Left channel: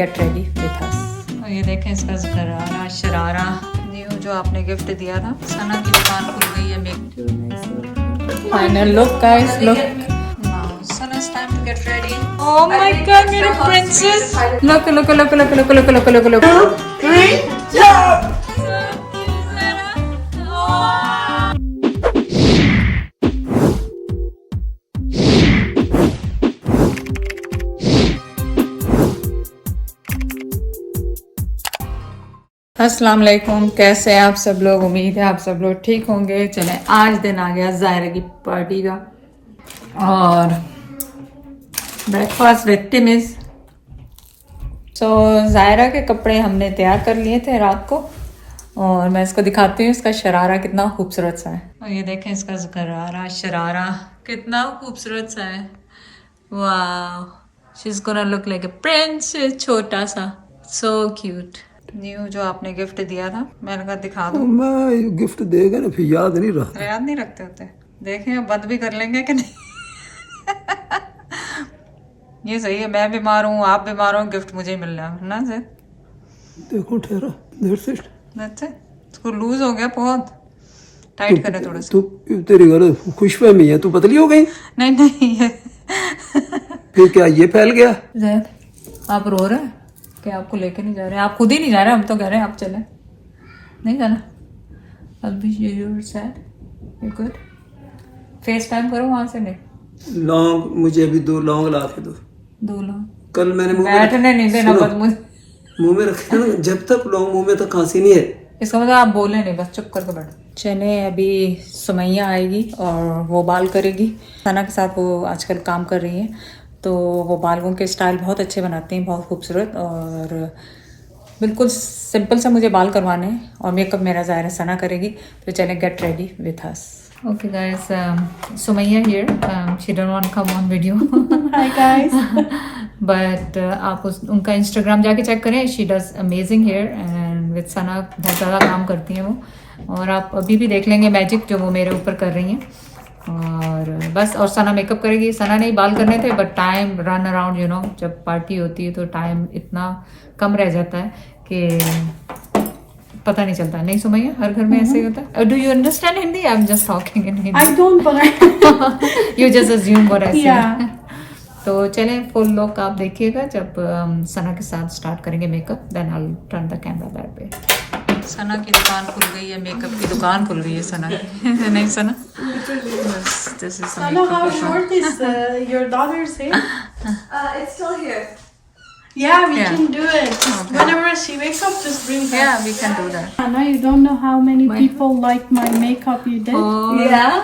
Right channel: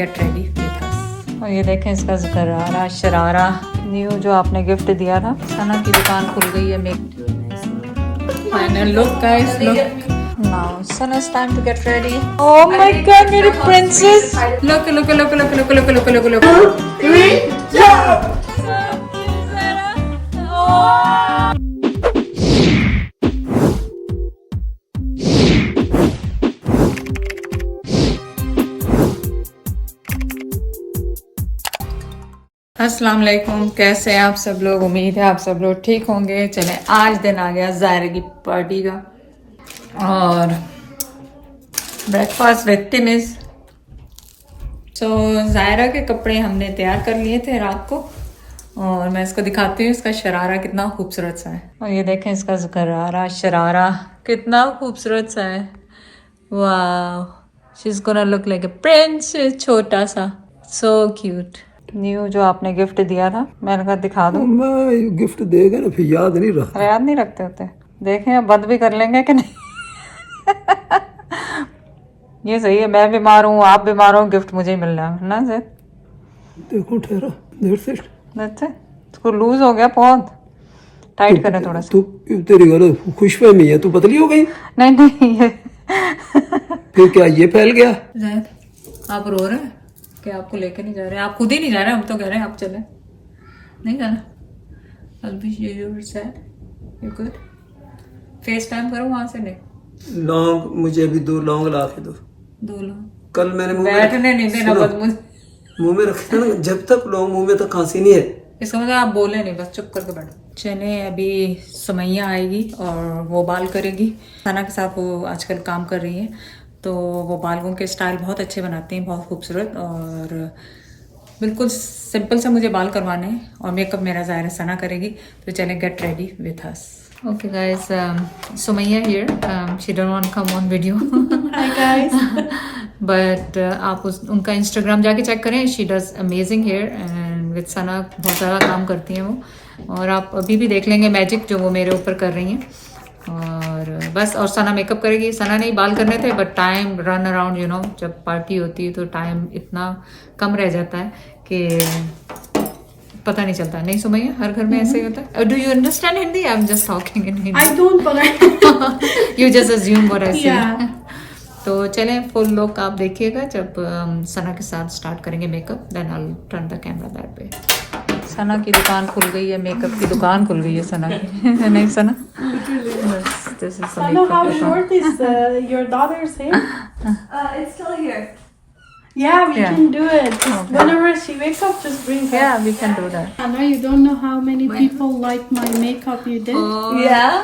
Gate ready with अस। और ये देखें इसका गरारा शरारा न्यू जो आपने गिफ्ट दिया था। सना की दुकान खुल गई है। Make final look guys, look now सना's time to get ready. Oh my god, मेरी princess. Look. अस्सलाम वालेकुम, कैसे हैं आप सब लोग। उम्मीद है आप सब लोग ठीक होंगे। चलें, आज दिन आ गया ज़ायरा की पार्टी का और ब्रेकफास्ट विद टिमिस। सो ज़ायरा के कपड़े हमने तैयार कर लिए थे रात को और मैं इसको दिखाती हूँ इसका शरारा कितना खूबसूरत सा है। और ये देखें इसका गरारा शरारा कितना खूबसूरत सा है। वाह, she is gonna look like a prince, छोटा सा, सो क्यूट। न्यू जो आपने गिफ्ट दिया था, मैंने कहा दिखा दूं। मैं गिफ्ट देगा ना फिर याद नहीं रखता। याद नहीं रखते होते। देखें अब बंद भी कर लेंगे कि नहीं। ये सही है, मैं बीमार हूँ, आप बीमार हो, गिफ्ट मुझे ही मिल रहा है ना ज़ैद। देखो ठहरा, देर से इसको लूज हो गया, बहुत टाइट करें थोड़ा सा। तू तेरी घर खुशफहमी है, तू पतली हो गई। नहीं ये फिर क्या ये फैल गया। ज़ैद आप रो रहे हैं कि आपको लेके नहीं जा रहे हैं। आप खुद ही नहीं जा रहे, हम तो कह रहे हैं आप चलें। नहीं जाना अभी। ये sad, you good. Face time करो वहां से। नहीं लौंग, मुझे अभी 2 लौंग ला के दो। 2 लौंग कल मैंने बैठने नहीं देना बस मुझे मुंह में रखे ना, जब तक लौंग मुंह में तक खांसी नहीं है। इसका मतलब आप बोले नहीं, बस चुप करके बैठो। चले, अभी सुमैया आएगी और वो बाल करेगी। सना के साथ वो आजकल काम कर रही है, तो वो बालों के स्टाइल बहुत अच्छे बनाती हैं, बहुत खूबसूरत। और बिल्कुल सिंपल सा मुझे बाल करवाने हैं और मेकअप मेरा ज़ाहिर सना करेगी। तो चलें, get ready with us. Okay guys, Sumaiya here, she don't want come on video but आप उनका इंस्टाग्राम जाके चेक करें। She does amazing hair and with Sana बहुत ज़्यादा काम करती हैं वो। और आप अभी भी देख लेंगे मैजिक जो वो मेरे ऊपर कर रही हैं। और बस, और सना मेकअप करेगी। सना नहीं बाल करने थे but time run around, you know, जब पार्टी होती है तो टाइम इतना कम रह जाता है कि पता नहीं चलता। नहीं सुमैया, हर घर में ऐसे ही होता है। Do you understand Hindi? I am just talking in Hindi. I don't, but you just assume what I से। तो चलें, फुल लुक आप देखिएगा जब सना के साथ स्टार्ट करेंगे makeup. Then I will turn the camera that way. Sana की दुकान खुल गई है, मेकअप की दुकान खुल गई है सना की। नहीं सना, बस this is Sana, how short is your daughter's hair? It's still here. Yeah, we Yeah. can do it. Just Okay. whenever she wakes up, just bring her. Yeah, we can do that. I know you don't know how many people like my makeup you did. Oh, Yeah.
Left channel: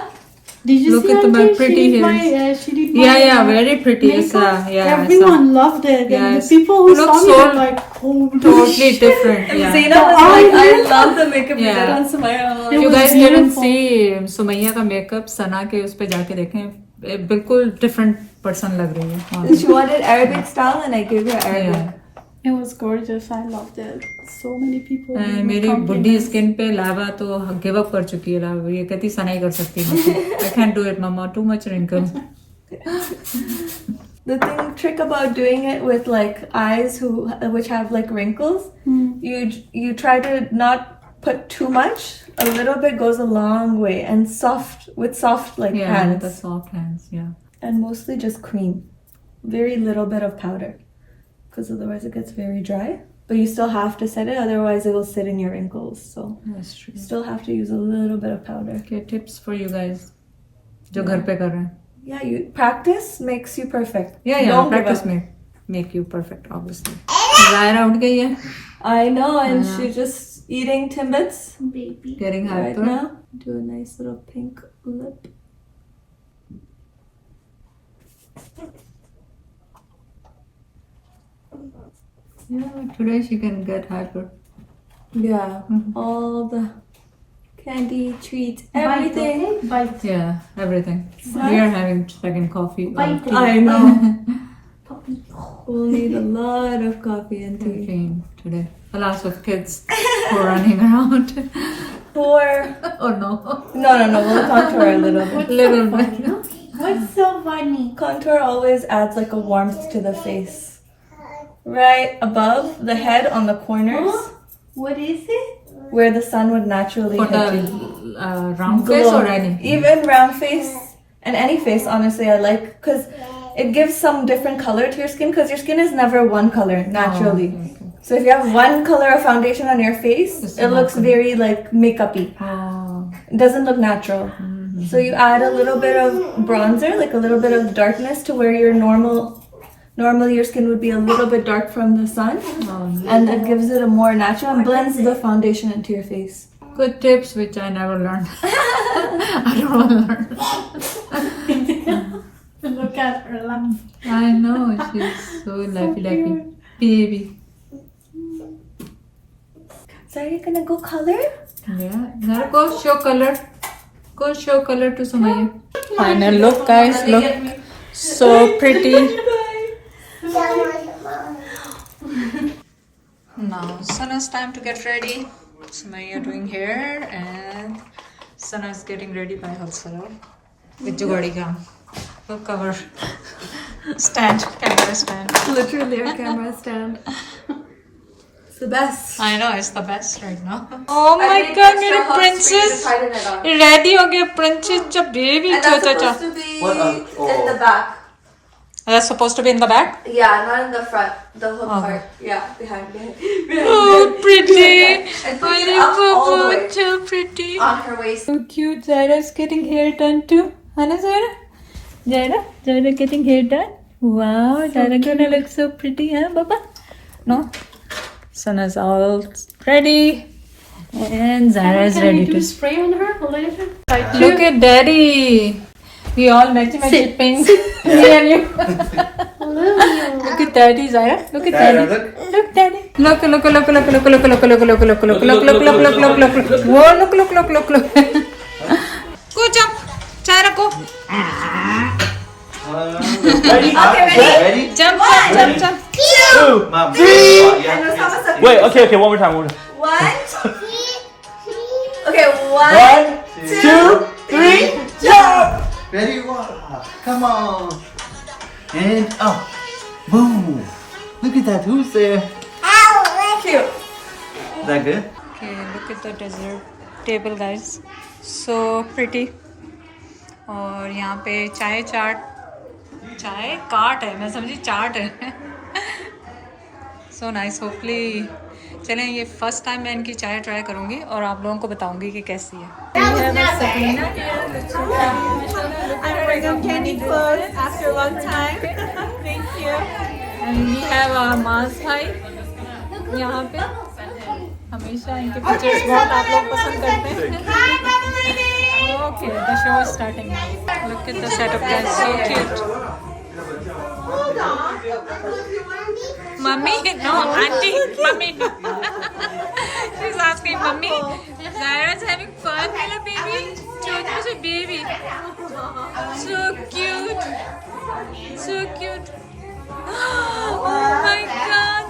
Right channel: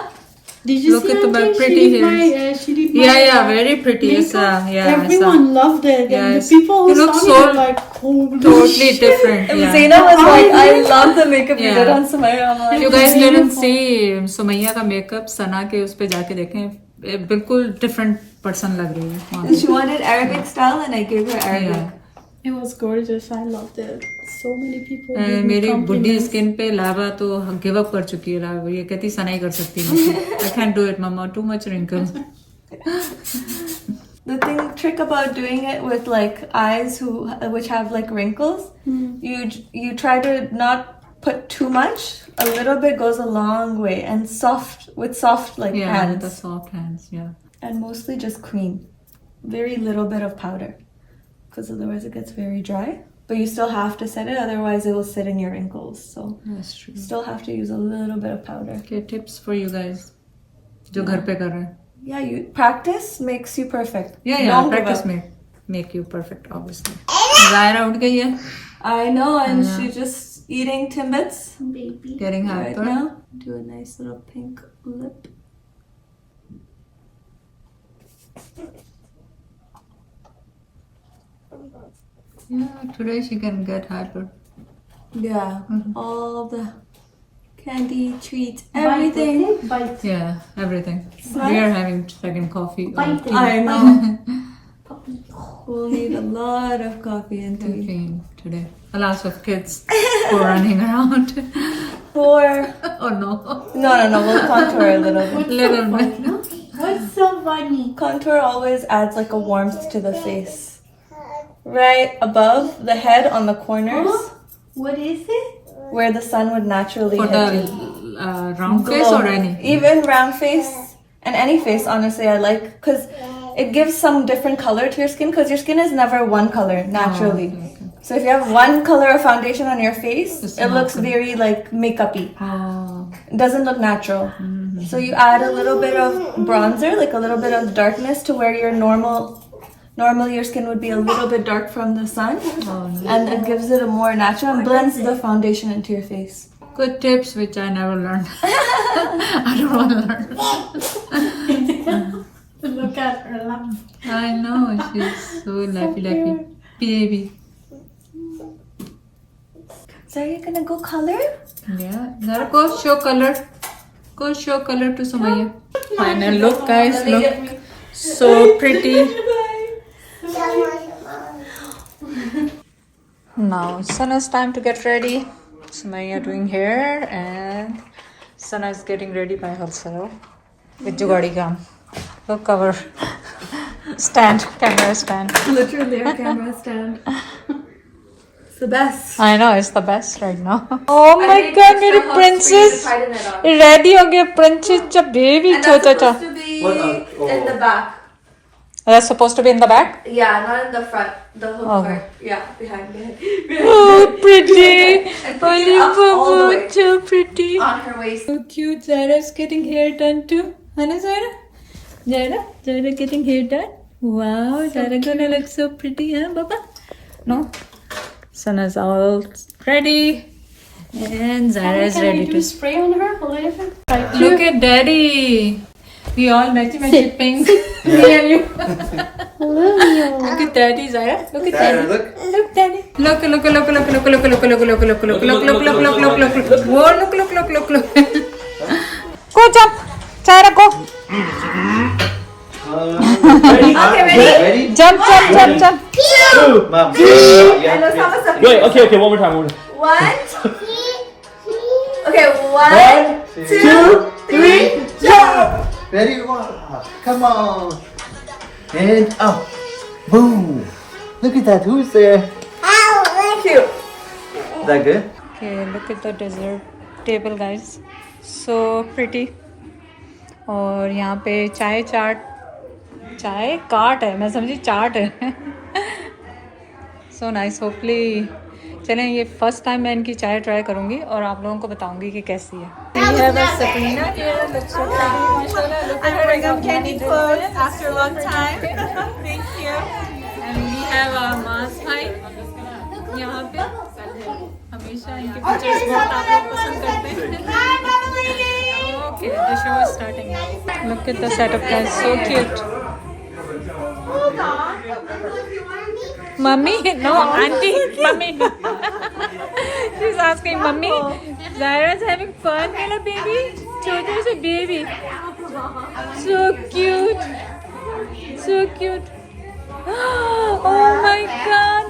Did you look see at one my thing? pretty she did hair. my, she did my, yeah, very pretty. It's makeup. yeah, Everyone loved it. And Yes. the people who You look saw me so were like, oh, totally different. And Yeah. Zainab was like, I love the makeup you Yeah. did on Sumaya. I'm like, You was guys didn't beautiful. see Sumaiya का makeup, सना के उस पे जाके देखें, बिल्कुल different person लग रही है वहाँ पे। she wanted Arabic style and I gave her Arabic. Yeah. It was gorgeous. I loved it. So many people. gave me मेरी बुढ़ी compliments. स्किन पे लावा तो गिव अप कर चुकी है। लावा ये कहती सना ही कर सकती है। I can do it mamma, too much wrinkle. The trick about doing it with like eyes which have like wrinkles, you try to not put too much. A little bit goes a long way, and soft like Yeah, hands, with the soft hands, yeah. and mostly just cream, very little bit of powder, because otherwise it gets very dry. But you still have to set it, otherwise it will sit in your wrinkles. So That's true. still have to use a little bit of powder. Okay, tips for you guys जो घर पे कर रहे हैं। Yeah, you practice makes you perfect. Yeah, Don't give practice up. make you perfect, obviously. Zaira उठ गई है, I know, and Yeah. she's just eating Timbits Baby. getting right hyper. now. Do a nice little pink lip. Yeah, today she can get hyper. Yeah, all the candy, treats, everything. Bite. Yeah, everything. We are having second coffee. or tea. I know. We'll need a lot of coffee and tea. Caffeine today. A lot of kids who are running around. For Oh no, no, we'll contour a little bit. little bit. What's so funny? Contour always adds like a warmth to the face. right above the head on the corners. What is it? Where the sun would naturally For hit you. the round face or any? Even round face and any face, honestly, I like because it gives some different color to your skin because your skin is never one color naturally. Oh, okay. So if you have one color of foundation on your face, It's it not looks gonna- very like makeup-y. Oh. It doesn't look natural. So you add a little bit of bronzer, like a little bit of darkness to where your normally your skin would be a little bit dark from the sun. Oh, nice. And it gives it a more natural and blends the foundation into your face. Good tips which I never learned. I don't want to learn. Look at her laugh. I know, she's so lappy baby. So are you gonna go color? Yeah, Zara, go show color. Go show color to Sumaya. Final look, guys. Look, so pretty. Now, Sana's time to get ready. Sumaya doing hair and Sana is getting ready by herself with Jugadi Gam. Look, cover stand, camera stand. Literally a camera stand. It's the best. I know, it's the best right now. Oh my god, मेरी princess ready हो गई. Princess जब baby छोटा चा. What In the back. That's supposed to be in the back. Yeah, not in the front. The hook Okay. part. Yeah, behind. Oh, pretty. Holy up all the Baba, way. so pretty. On her waist. So cute. Zaira's getting hair done too. Anna, Zaira? Zaira getting hair done. Wow, Zaira gonna look so pretty, huh, Baba? No? Sana's all ready. And Zaira's Can I ready do to spray on her later? look at Daddy. We all matchy pink. Me and you. Look at Daddy, Zaira. Look at Daddy. Look, Daddy. Look. Whoa, look. Go jump. Zaira, go. Ready? Jump. Mom. Wait, okay, one more time. One. Okay, 1, 2, 3, jump! Ready? Come on. And up. Boom. Look at that. Who's there? Cute. Is that good? Okay, look at the dessert table, guys. So pretty. और यहाँ पे चाय काट है, मैं समझी चाट है. So nice. Hopefully, चलें, ये फर्स्ट टाइम मैं इनकी चाय ट्राई करूँगी और आप लोगों को बताऊँगी कि कैसी है. I'm wearing some candy clothes after a long time. Thank you. And we have मास भाई यहाँ पे. हमेशा इनके पिक्चर्स बहुत आप लोग पसंद करते हैं. Okay, the show is starting now. Look at the setup, guys. So cute. Mummy? No, auntie. Mummy. She's asking, Mummy, Zaira's having fun, Mela baby. Chotu se baby. So cute. So cute. Oh my god.